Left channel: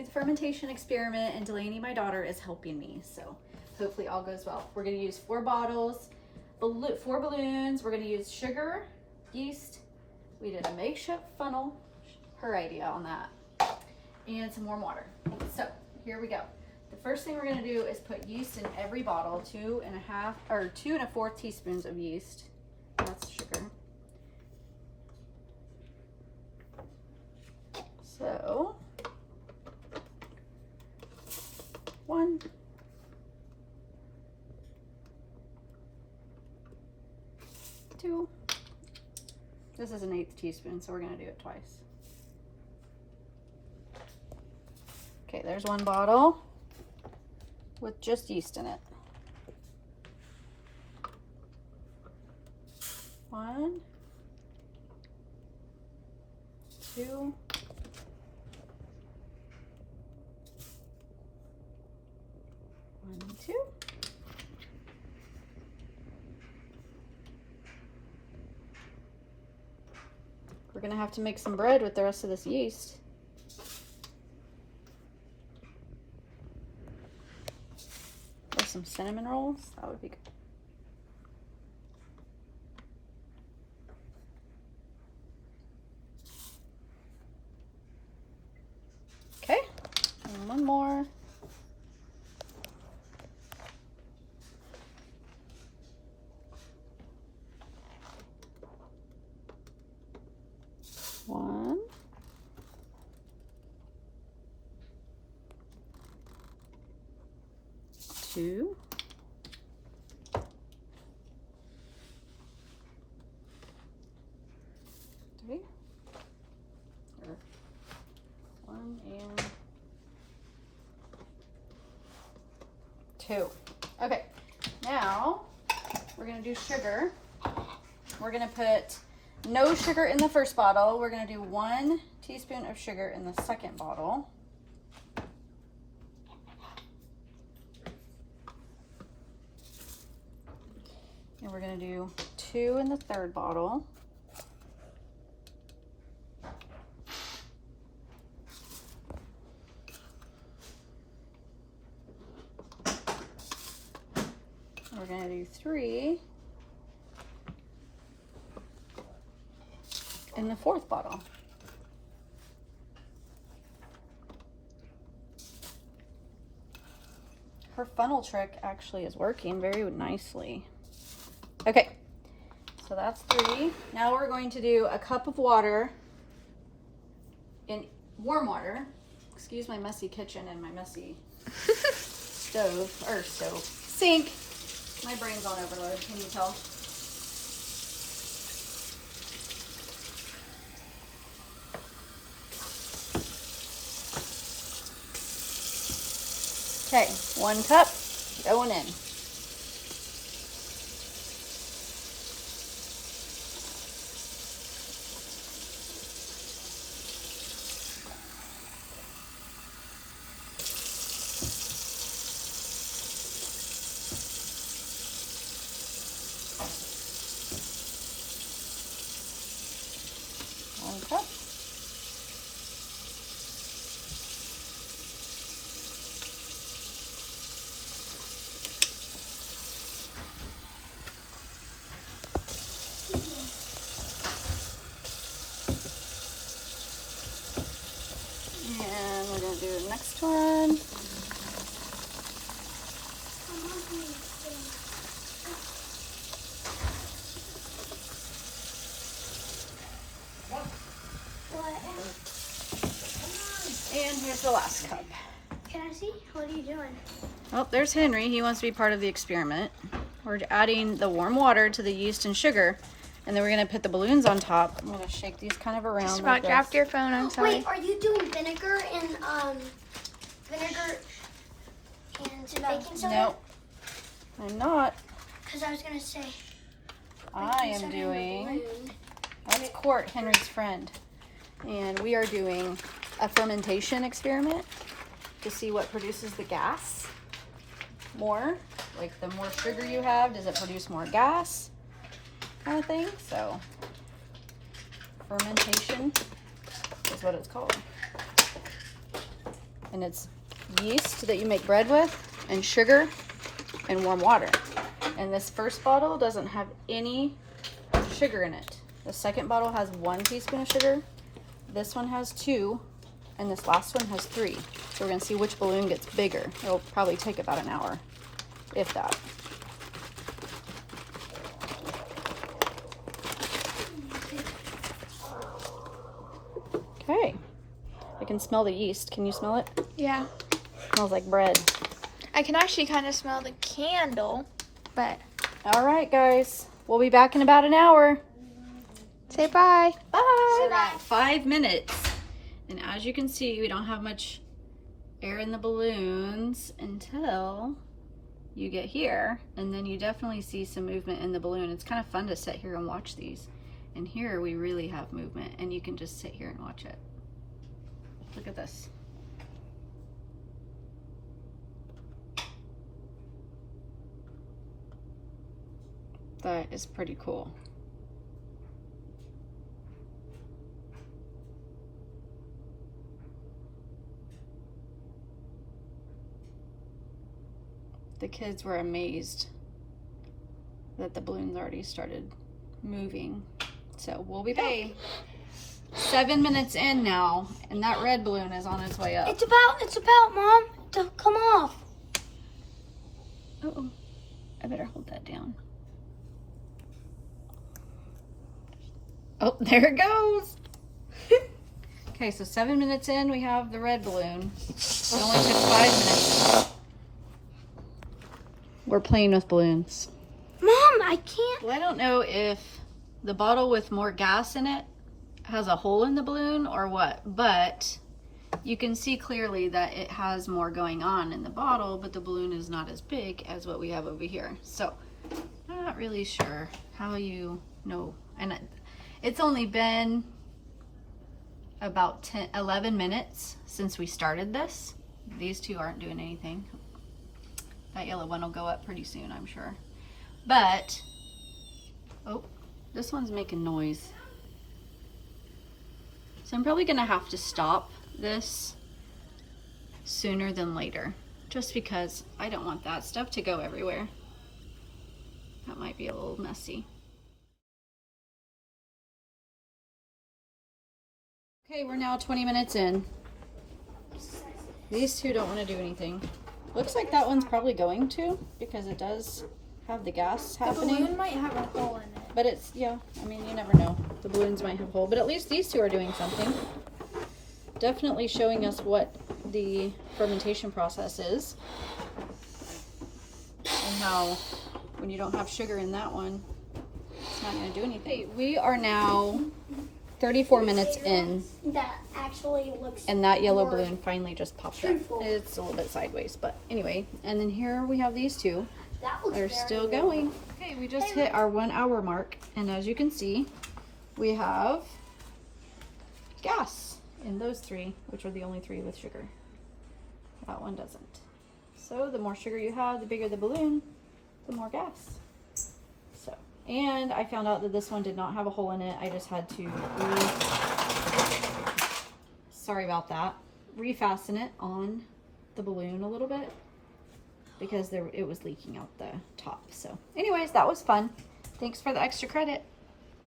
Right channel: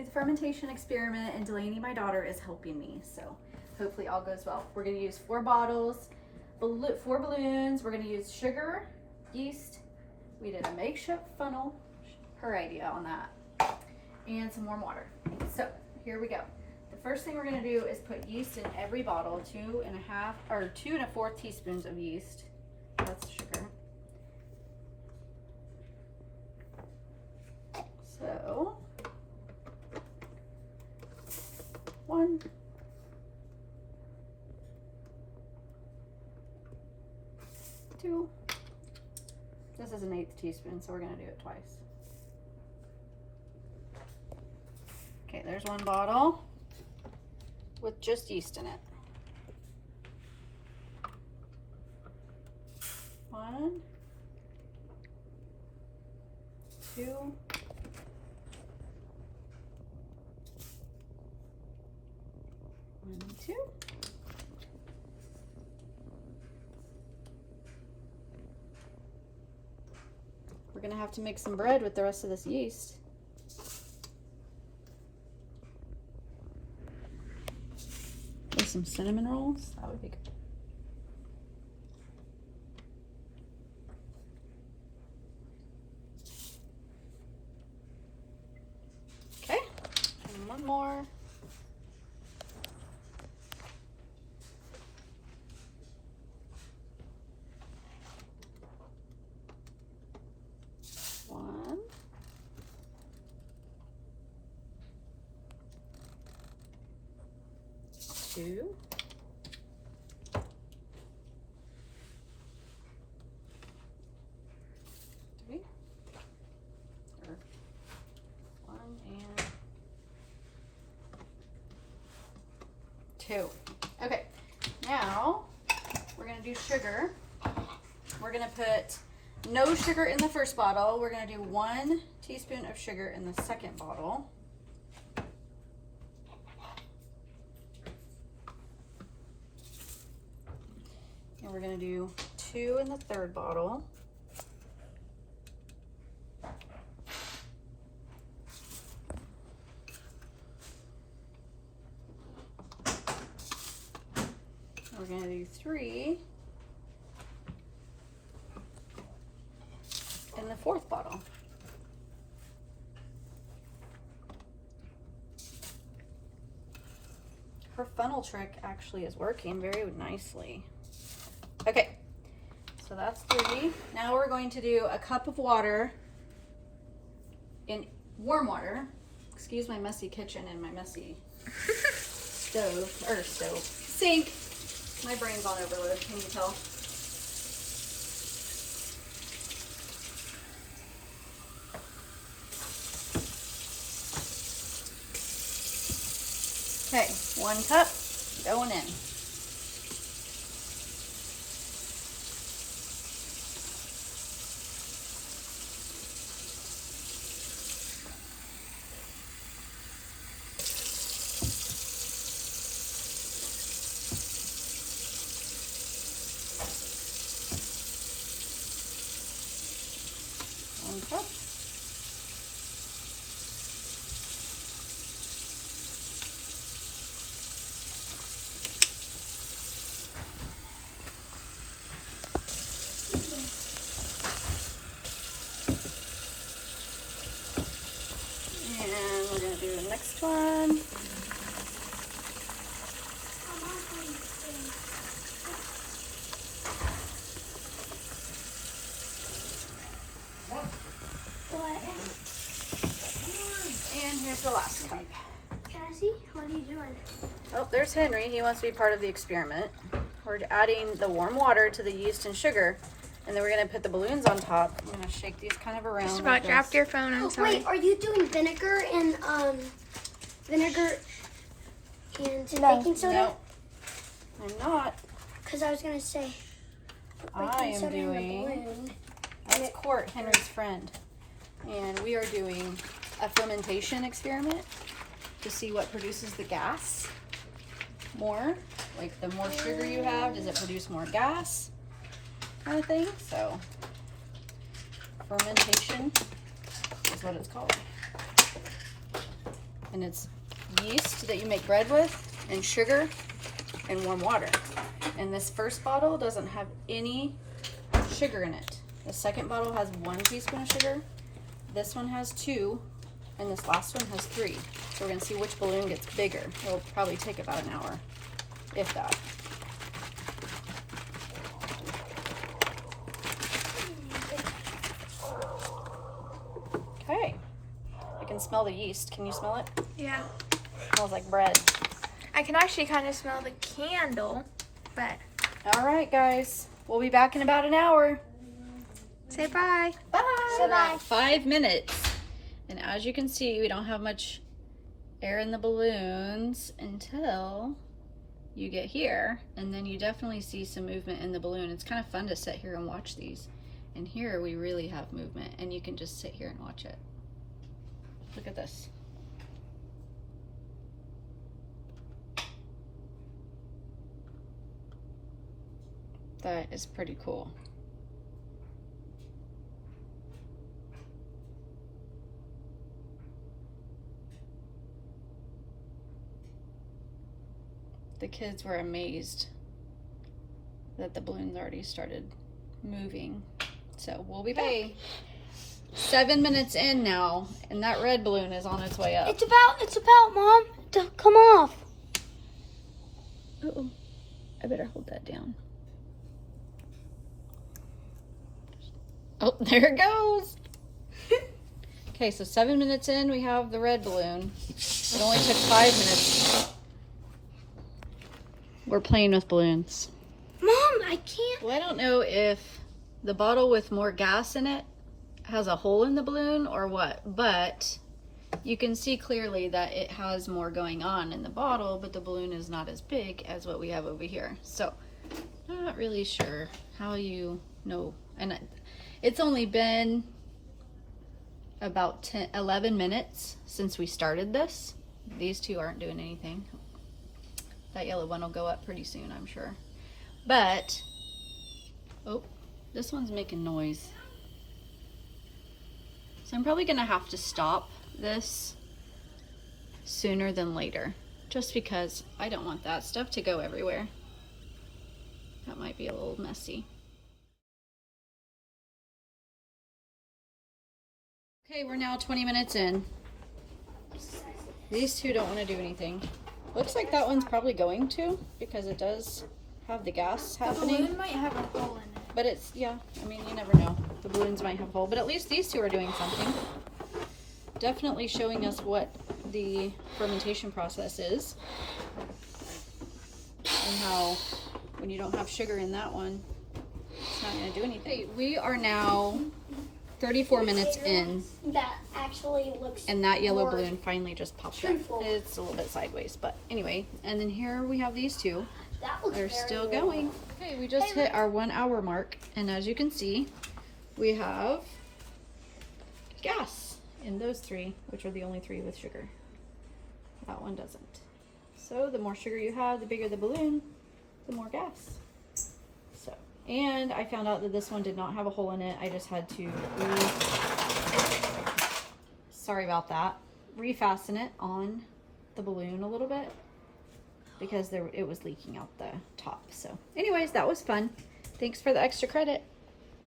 do the fermentation experiment, and Delaney, my daughter, is helping me. So hopefully all goes well. We're going to use 4 bottles, 4 balloons. We're going to use sugar, yeast. We did a makeshift funnel, her idea on that, and some warm water. So here we go. The first thing we're going to do is put yeast in every bottle, 2 1/4 teaspoons of yeast. That's sugar. So 1, 2. This is an 1/8 teaspoon, so we're going to do it twice. Okay, there's 1 bottle with just yeast in it. 1, 2, 1, 2. We're gonna have to make some bread with the rest of this yeast. And some cinnamon rolls, that would be good. Okay, and 1 more. One. 2. 3. 1 and 2. Okay, now we're gonna do sugar. We're gonna put no sugar in the first bottle. We're going to do 1 teaspoon of sugar in the second bottle. And we're going to do 2 in the third bottle. We're going to do 3 in the fourth bottle. Her funnel trick actually is working very nicely. Okay, so that's 3. Now we're going to do a cup of water in warm water. Excuse my messy kitchen and my messy sink. My brain's on overload, can you tell? Okay, 1 cup going in. One cup. Next one. And here's the last cup. Can I see? What are you doing? Oh, there's Henry. He wants to be part of the experiment. We're adding the warm water to the yeast and sugar, and then we're going to put the balloons on top. I'm going to shake these kind of around. Just about dropped your phone, I'm sorry. Wait, are you doing vinegar and baking soda? No, I'm not. Because I was going to say. I am doing, that's Court, Henry's friend. And we are doing a fermentation experiment to see what produces the gas more. Like the more sugar you have, does it produce more gas? Kind of thing. So fermentation is what it's called. And it's yeast that you make bread with, and sugar, and warm water. And this first bottle doesn't have any sugar in it. The second bottle has 1 teaspoon of sugar. This one has 2, and this last one has 3. So we're gonna see which balloon gets bigger. It'll probably take about an hour, if that. Okay, I can smell the yeast. Can you smell it? Yeah. Smells like bread. I can actually kind of smell the candle, but. All right, guys. We'll be back in about an hour. Say bye. Bye. Say bye. 5 minutes. And as you can see, we don't have much air in the balloons until you get here. And then you definitely see some movement in the balloon. It's kind of fun to sit here and watch these. And here we really have movement, and you can just sit here and watch it. Look at this. That is pretty cool. The kids were amazed that the balloons already started moving. So we'll be back. 7 minutes in now, and that red balloon is on its way up. It's about, Mom. Don't come off. Uh-oh. I better hold that down. Oh, there it goes. Okay, so 7 minutes in, we have the red balloon. It only took 5 minutes. We're playing with balloons. Mom, I can't. Well, I don't know if the bottle with more gas in it has a hole in the balloon or what, but you can see clearly that it has more going on in the bottle, but the balloon is not as big as what we have over here. So I'm not really sure how you know. And it's only been about 11 minutes since we started this. These two aren't doing anything. That yellow one will go up pretty soon, I'm sure. But, oh, this one's making noise. So I'm probably gonna have to stop this sooner than later, just because I don't want that stuff to go everywhere. That might be a little messy. Okay, we're now 20 minutes in. These two don't want to do anything. Looks like that one's probably going to, because it does have the gas happening. The balloon might have a hole in it. But it's, yeah, I mean, you never know. The balloons might have a hole, but at least these two are doing something. Definitely showing us what the fermentation process is. And how, when you don't have sugar in that one, it's not going to do anything. Okay, we are now 34 minutes in. That actually looks. And that yellow more balloon finally just popped truthful. up. It's a little bit sideways, but anyway. And then here we have these two. That looks They're very still real. going. Okay, we just hit our 1 hour mark. And as you can see, we have gas in those three, which are the only three with sugar. That one doesn't. So the more sugar you have, the bigger the balloon, the more gas. So, and I found out that this one did not have a hole in it. I just had to, sorry about that, refasten it on the balloon a little bit because it was leaking out the top. So anyways, that was fun. Thanks for the extra credit.